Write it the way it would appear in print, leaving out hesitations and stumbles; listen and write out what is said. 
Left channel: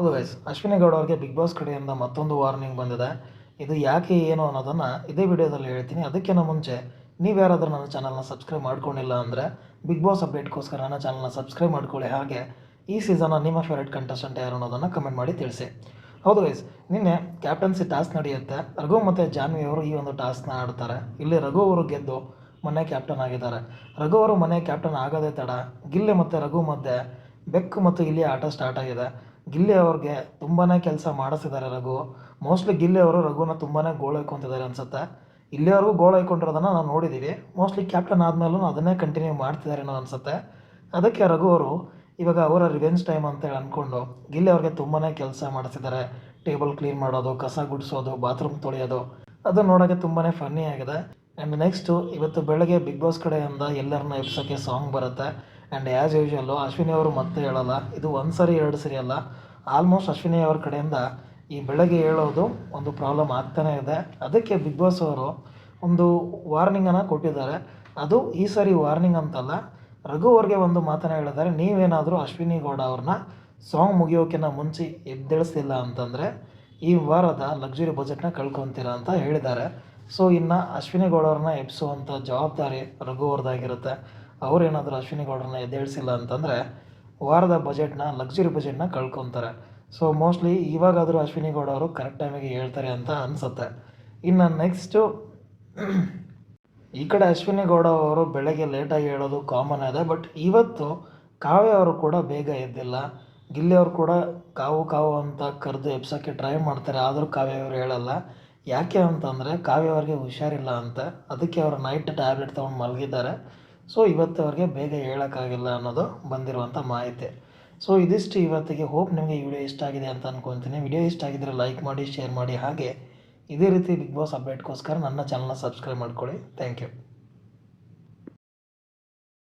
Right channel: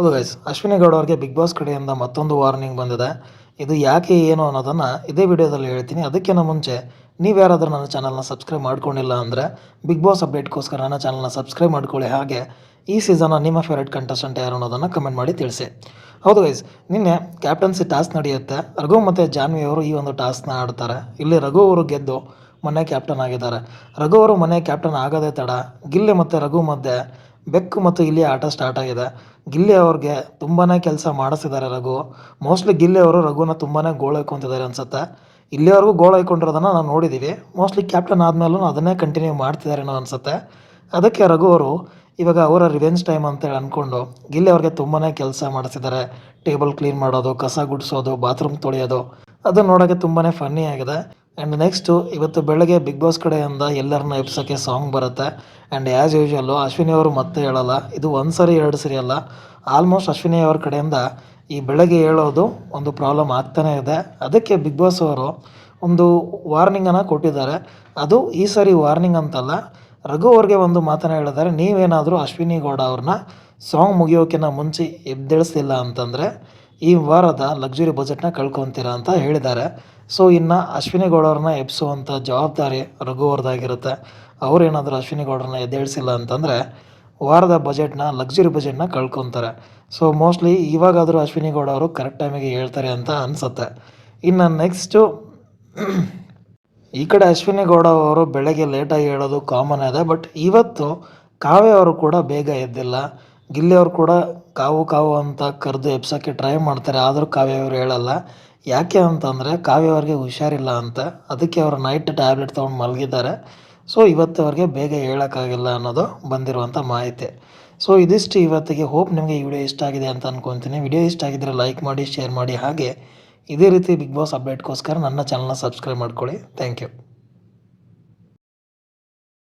ಹೌದು ಗೈಸ್, ಅಶ್ವಿನಿ ಗೌಡ ಅವ್ರಿಗೆ big boss ಕಡೆಯಿಂದ ಮತ್ತೊಂದು ವಾರ್ನಿಂಗ್ ಬಂದಿದೆ. ಇದು ಯಾಕೆ ಏನು ಅನ್ನೋದನ್ನು ಇದೇ ವಿಡಿಯೋದಲ್ಲಿ ಹೇಳ್ತೀನಿ. ಅದಕ್ಕಿಂತ ಮುಂಚೆ ನೀವು ಯಾರಾದರೂ ನನ್ನ ಚಾನಲ್ನ ಸಬ್ಸ್ಕ್ರೈಬ್ ಮಾಡ್ಕೊಂಡಿಲ್ಲ ಅಂದರೆ ಬಿಗ್ ಬಾಸ್ ಅಪ್ಡೇಟ್ಗೋಸ್ಕರ ನನ್ನ ಚಾನಲ್ನ ಸಬ್ಸ್ಕ್ರೈಬ್ ಮಾಡ್ಕೊಳ್ಳಿ. ಹಾಗೆ ಈ ಸೀಸನ್ನ ನಿಮ್ಮ ಫೇವ್ರೇಟ್ ಕಂಟೆಸ್ಟೆಂಟ್ ಯಾರು ಅನ್ನೋದನ್ನು ಕಮೆಂಟ್ ಮಾಡಿ ತಿಳಿಸಿ. ಹೌದು ಗೈಸ್, ನಿನ್ನೆ ಕ್ಯಾಪ್ಟನ್ಸಿ ಟಾಸ್ಕ್ ನಡೆಯುತ್ತೆ. ರಘು ಮತ್ತು ಜಾನ್ವಿ ಅವರು ಈ ಒಂದು ಟಾಸ್ಕ್ನ ಆಡ್ತಾರೆ. ಇಲ್ಲಿ ರಘು ಅವರು ಗೆದ್ದು ಮನೆ ಕ್ಯಾಪ್ಟನ್ ಆಗಿದ್ದಾರೆ. ರಘು ಅವರು ಮನೆ ಕ್ಯಾಪ್ಟನ್ ಆಗೋದೇ ತಡ ಗಿಲ್ಲಿ ಮತ್ತು ರಘು ಮಧ್ಯೆ ಬೆಕ್ಕು ಮತ್ತು ಇಲ್ಲಿ ಆಟ ಸ್ಟಾರ್ಟ್ ಆಗಿದೆ. ಗಿಲ್ಲಿ ಅವ್ರಿಗೆ ತುಂಬಾ ಕೆಲಸ ಮಾಡಿಸಿದ್ದಾರೆ ರಘು. ಮೋಸ್ಟ್ಲಿ ಗಿಲ್ಲಿ ಅವರು ರಘುನ ತುಂಬಾ ಗೋಳೈಕೊಂತಿದ್ದಾರೆ ಅನ್ಸುತ್ತೆ. ಇಲ್ಲಿವರೆಗೂ ಗೋಳೈಕೊಂಡಿರೋದನ್ನು ನಾವು ನೋಡಿದ್ದೀವಿ. ಮೋಸ್ಟ್ಲಿ ಕ್ಯಾಪ್ಟನ್ ಆದಮೇಲೂ ಅದನ್ನೇ ಕಂಟಿನ್ಯೂ ಮಾಡ್ತಿದ್ದಾರೇನೋ ಅನಿಸುತ್ತೆ. ಅದಕ್ಕೆ ರಘು ಅವರು ಇವಾಗ ಅವರ ರಿವೆಂಜ್ ಟೈಮ್ ಅಂತೇಳಿ ಅಂದ್ಕೊಂಡು ಗಿಲ್ಲಿ ಅವ್ರಿಗೆ ತುಂಬಾ ಕೆಲಸ ಮಾಡಿಸಿದ್ದಾರೆ. ಟೇಬಲ್ ಕ್ಲೀನ್ ಮಾಡೋದು, ಕಸ ಗುಡಿಸೋದು, ಬಾತ್ರೂಮ್ ತೊಳೆಯೋದು, ಅದು ನೋಡೋಕ್ಕೆ ತುಂಬಾ ಫನ್ನಿ ಆಗಿದೆ. ಆ್ಯಂಡ್ ನೆಕ್ಸ್ಟು ಇವತ್ತು ಬೆಳಗ್ಗೆ ಬಿಗ್ ಬಾಸ್ ಕಡೆಯಿಂದ ಎಲ್ಲರನ್ನ ಎಬ್ಸೋಕ್ಕೆ ಸಾಂಗ್ ಬರುತ್ತೆ. ಆ್ಯಂಡ್ ಆ್ಯಸ್ ಯೂಶ್ವಲ್ಲು ಅಶ್ವಿನಿ ಅವರು ಮತ್ತೆ ಹೇಳಲ್ಲ. ಇದು ಒಂದು ಸರಿ ಎರಡು ಸರಿ ಅಲ್ಲ, ಆಲ್ಮೋಸ್ಟ್ ಅಶ್ವಿನಿ ಅವ್ರ ಕಡೆಯಿಂದ ಈ ಬೆಳಗ್ಗೆ ಹೇಳೋದು ಒಂದು ಪ್ರಾಬ್ಲಮ್ ಆಗ್ತಾನೇ ಇದೆ. ಅದಕ್ಕೆ ಬಿಗ್ ಬಾಸ್ ಅವರು ಒಂದು ವಾರ್ನಿಂಗನ್ನು ಕೊಟ್ಟಿದ್ದಾರೆ. ಅದು ಈ ಸರಿ ವಾರ್ನಿಂಗ್ ಅಂತಲ್ಲ, ರಘು ಅವ್ರಿಗೆ ಒಂದು ಮಾತನ್ನು ಹೇಳಿದ್ದಾರೆ. ನೀವೇನಾದರೂ ಅಶ್ವಿನಿ ಗೌಡ ಅವ್ರನ್ನ ಸಾಂಗ್ ಮುಗಿಯೋಕ್ಕಿಂತ ಮುಂಚೆ ಎದ್ದೇಳಿಸ್ತಿಲ್ಲ ಅಂತಂದರೆ ಈ ವಾರದ ಲಕ್ಸುರಿ ಬಜೆಟ್ನ ಕಳ್ಕೊತೀರಾ ಅಂತ ಹೇಳಿದ್ದಾರೆ. ಸೊ ಇನ್ನು ಅಶ್ವಿನಿ ಗೌಡ ಅವ್ರನ್ನ ಎಬ್ಸುವಂಥ ಜವಾಬ್ದಾರಿ ರಘು ಅವ್ರದ್ದಾಗಿರುತ್ತೆ. ಅವರೇನಾದರೂ ಅಶ್ವಿನಿ ಗೌಡರನ್ನ ಎದ್ದೇಳಿಸಿಲ್ಲ ಅಂತಂದರೆ ವಾರದ ಬಜೆಟ್ನ ಲಕ್ಸುರಿ ಬಜೆಟ್ನ ಕಳ್ಕೊತಾರೆ. ಸೊ ಮೋಸ್ಟ್ಲಿ ಇವಾಗಾದರೂ ಅಶ್ವಿನಿ ಗೌಡ ಅವರು ಕರೆಕ್ಟ್ ಟೈಮಿಗೆ ಹೇಳ್ತಾರೆ ಅಂತ ಅನಿಸುತ್ತೆ. ಇನ್ನು ನೆಕ್ಸ್ಟು ಈ ಕಡೆ ಅಶ್ವಿನಿ ಗೌಡ ಅವರು ಬೆಳಗ್ಗೆ ಲೇಟಾಗಿ ಹೇಳೋದು ಕಾಮನ್ ಇದೆ. ಬಟ್ ಇವತ್ತು ಕಾವ್ಯ ಅವರು ಕೂಡ ಬೇಗ ಎದ್ದಿಲ್ಲ. ಗಿಲ್ಲಿ ಅವರು ಕೂಡ ಕಾವು ಕಾವು ಅಂತ ಕರೆದು ಎಬ್ಸೋಕ್ಕೆ ಟ್ರೈ ಮಾಡ್ತಾರೆ. ಆದರೂ ಕಾವ್ಯ ಅವರು ಹೇಳಲ್ಲ. ಯಾಕೆ ಅಂತಂದರೆ ಕಾವ್ಯ ಅವ್ರಿಗೆ ಹುಷಾರಿಲ್ಲ ಅಂತ. ಅದಕ್ಕೆ ಅವರು ನೈಟ್ ಟ್ಯಾಬ್ಲೆಟ್ ತೊಗೊಂಡು ಮಲಗಿದ್ದಾರೆ. ಸೊ ಇವತ್ತು ಅವ್ರಿಗೆ ಬೇಗ ಹೇಳೋಕ್ಕಾಗಿಲ್ಲ ಅನ್ನೋದು ಬಂದಿರುವಂಥ ಮಾಹಿತಿ. ಸೊ ಇದಿಷ್ಟು ಇವತ್ತಿಗೆ. ಹೋಪ್ ನಿಮಗೆ ಈ ವಿಡಿಯೋ ಇಷ್ಟ ಆಗಿದೆ ಅಂತ ಅಂದ್ಕೊತೀನಿ. ವಿಡಿಯೋ ಇಷ್ಟ ಆಗಿದ್ದರೆ ಲೈಕ್ ಮಾಡಿ, ಶೇರ್ ಮಾಡಿ. ಹಾಗೆ ಇದೇ ರೀತಿ ಬಿಗ್ ಬಾಸ್ ಅಪ್ಡೇಟ್ಗೋಸ್ಕರ ನನ್ನ ಚಾನಲ್ನ ಸಬ್ಸ್ಕ್ರೈಬ್ ಮಾಡ್ಕೊಳ್ಳಿ. Thank you.